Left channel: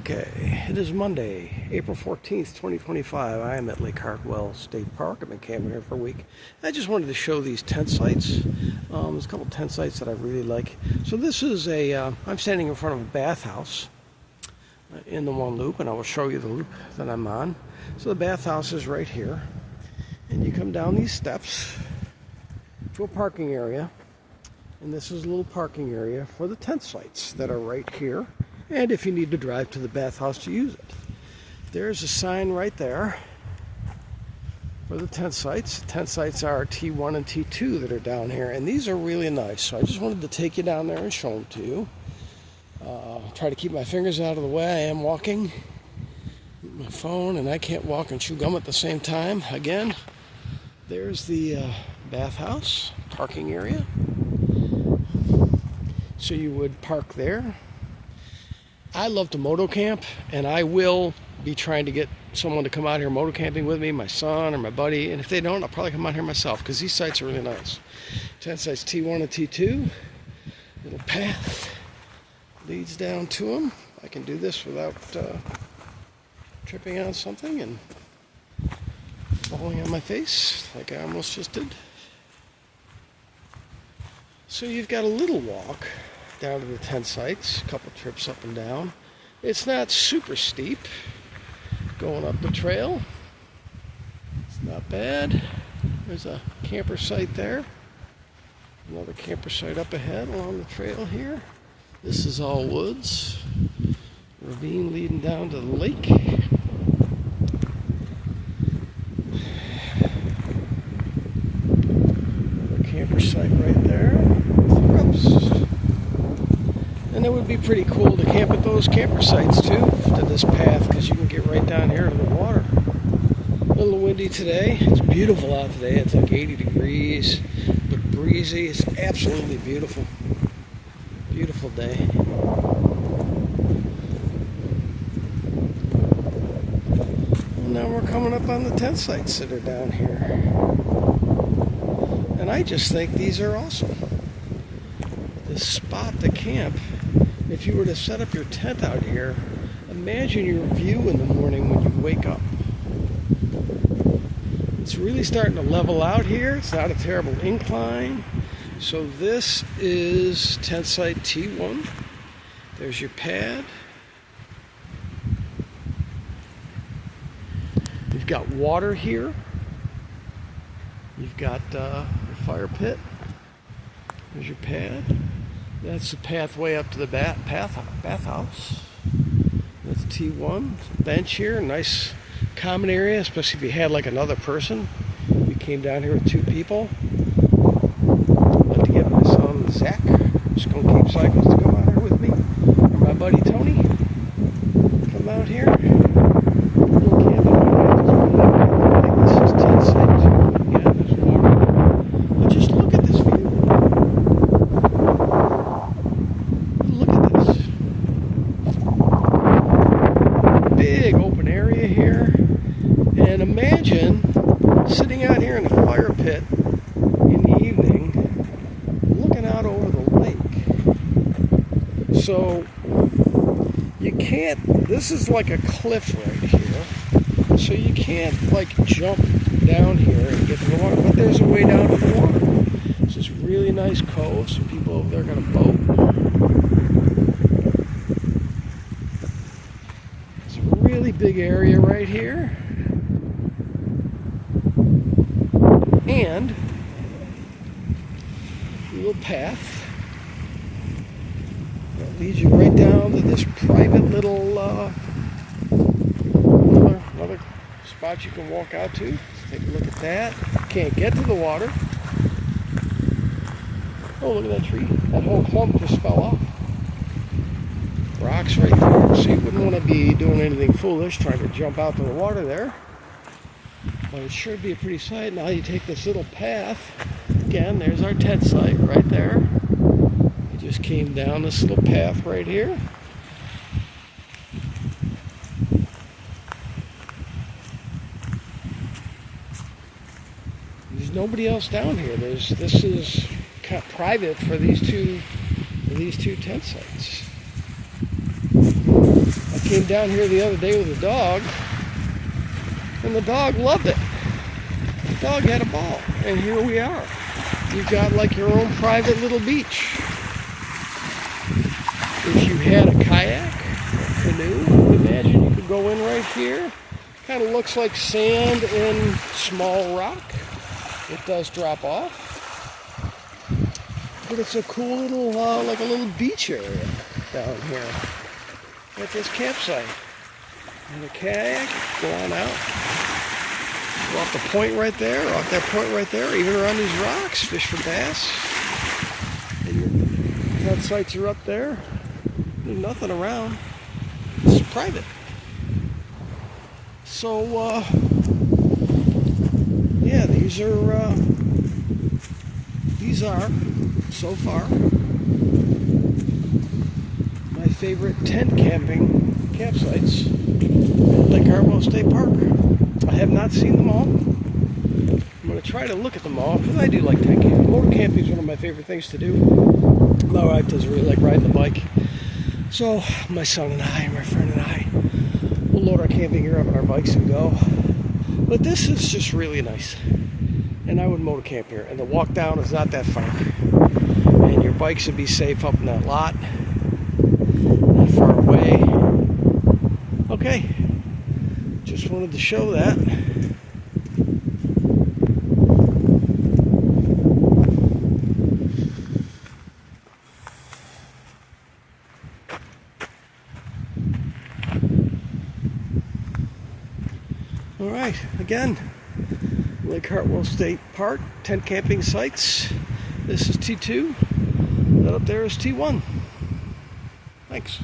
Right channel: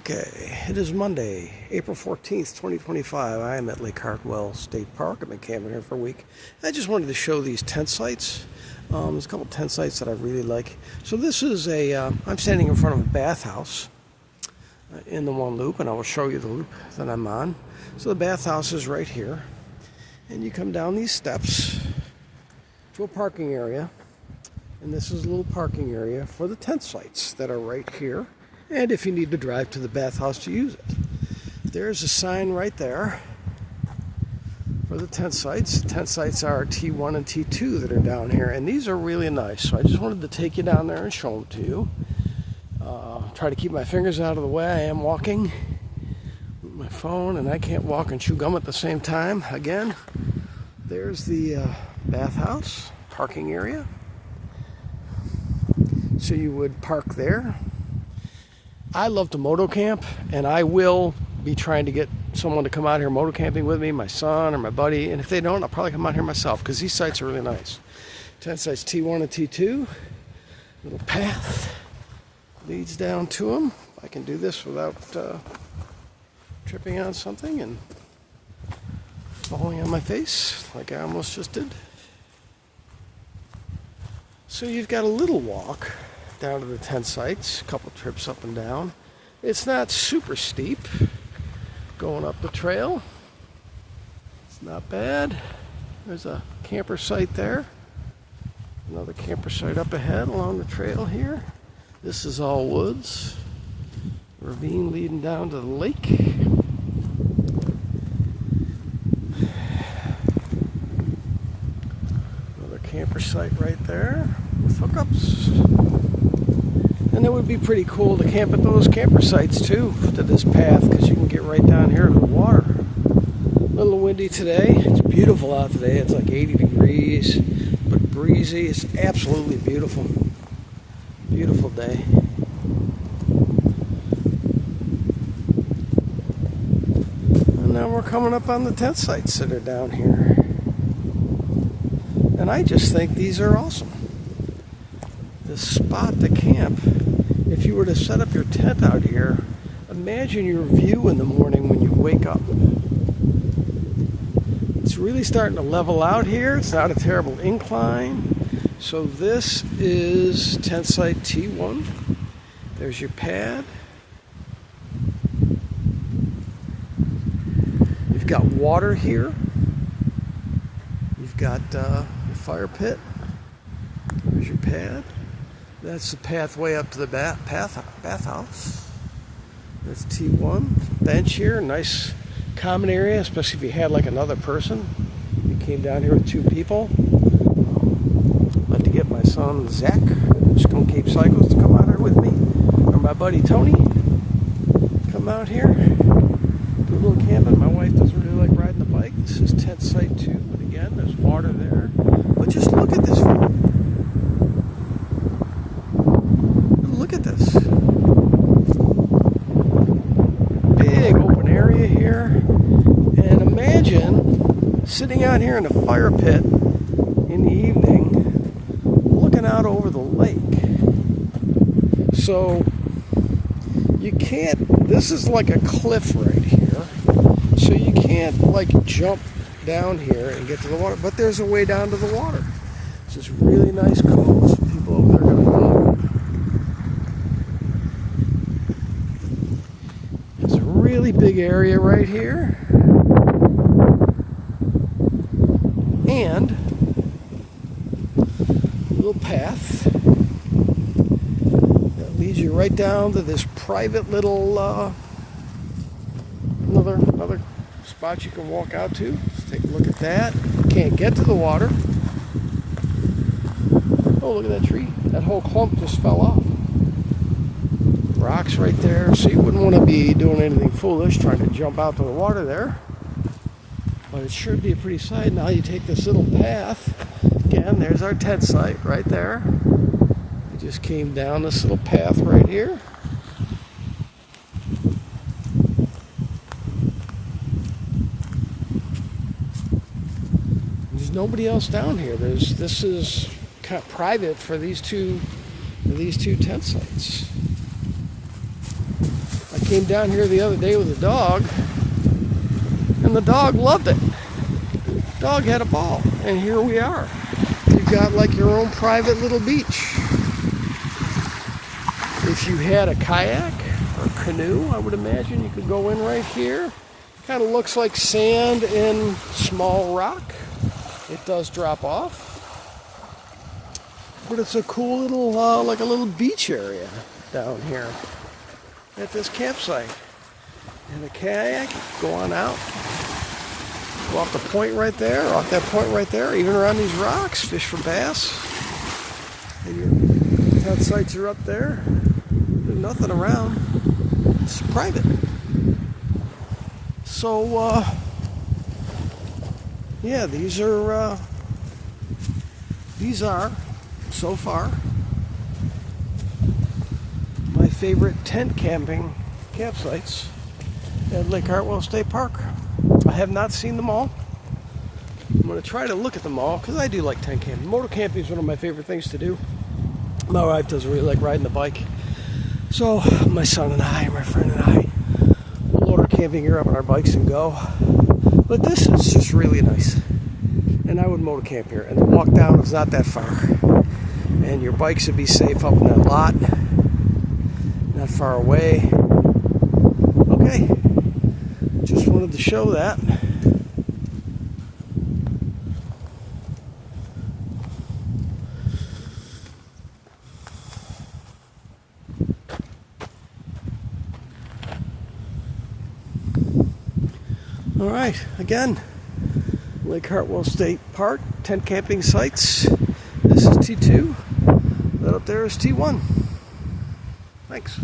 Okay, it is Monday, April 14th, 2025. I am at Lake Hartwell State Park. I've been camping here for a week. I just wanted to show these tent sites. There's a couple tent sites that I really like. So this is I'm standing in front of a bathhouse in the one loop, and I will show you the loop that I'm on. So the bathhouse is right here, and you come down these steps to a parking area, and this is a little parking area for the tent sites that are right here. And if you need to drive to the bathhouse to use it. There's a sign right there for the tent sites. Tent sites are T1 and T2 that are down here, and these are really nice. So I just wanted to take you down there and show them to you. Try to keep my fingers out of the way. I am walking with my phone, and I can't walk and chew gum at the same time. Again, there's the bathhouse parking area. So you would park there. I love to moto camp, and I will be trying to get someone to come out here moto camping with me, my son or my buddy, and if they don't, I'll probably come out here myself because these sites are really nice. Tent sites T1 and T2, little path leads down to them. I can do this without tripping on something and falling on my face like I almost just did. So you've got a little walk down to the tent sites, a couple trips up and down. It's not super steep going up the trail. It's not bad. There's a camper site there. Another camper site up ahead along the trail here. This is all woods. Ravine leading down to the lake. Another camper site right there with hookups. And it would be pretty cool to camp at those camper sites too, to this path, because you can get right down here to the water. A little windy today. It's beautiful out today. It's like 80 degrees, but breezy. It's absolutely beautiful. Beautiful day. And now we're coming up on the tent sites that are down here. And I just think these are awesome. The spot to camp. If you were to set up your tent out here, imagine your view in the morning when you wake up. It's really starting to level out here. It's not a terrible incline. So this is tent site T1. There's your pad. You've got water here. You've got your fire pit. There's your pad. That's the pathway up to the bathhouse. That's T1. Bench here, nice common area, especially if you had like another person. We came down here with two people. I'd like to get my son Zach, just gonna keep cycles, to come out here with me. Or my buddy Tony, come out here. A little camping. My wife doesn't really like this is tent site too. Again, there's water there. But just look at this view. Big open area here, and imagine sitting out here in a fire pit in the evening looking out over the lake. So you can't, this is like a cliff right here, so you can't like jump down here and get to the water, but there's a way down to the water. It's this really nice cove. Some people over there are going to boat. Really big area right here, and a little path that leads you right down to this private little another spot you can walk out to. Let's take a look at that. Can't get to the water. Oh, look at that tree. That whole clump just fell off. Rocks right there, so you wouldn't want to be doing anything foolish trying to jump out to the water there, but it should be a pretty sight. Now you take this little path. Again, there's our tent site right there. We just came down this little path right here. There's nobody else down here. This is kind of private for these two tent sites. Came down here the other day with a dog, and the dog loved it. Dog had a ball, and here we are. You've got like your own private little beach. If you had a kayak or a canoe, I would imagine you could go in right here. Kind of looks like sand and small rock. It does drop off. But it's a cool little, like a little beach area down here at this campsite. And a kayak, go on out. Go off the point right there, off that point right there, even around these rocks, fish for bass. And your tent sites are up there. There's nothing around. It's private. So, yeah, these are, so far, my favorite tent camping campsites at Lake Hartwell State Park. I have not seen them all. I'm going to try to look at them all because I do like tent camping. Motor camping is one of my favorite things to do. My wife doesn't really like riding the bike. So my son and I, my friend and I, we'll load our camping gear up on our bikes and go. But this is just really nice. And I would motor camp here. And the walk down is not that far. And your bikes would be safe up in that lot. Not far away. Okay. Just wanted to show that. All right, again, Lake Hartwell State Park, tent camping sites. This is T2. That up there is T1. Thanks.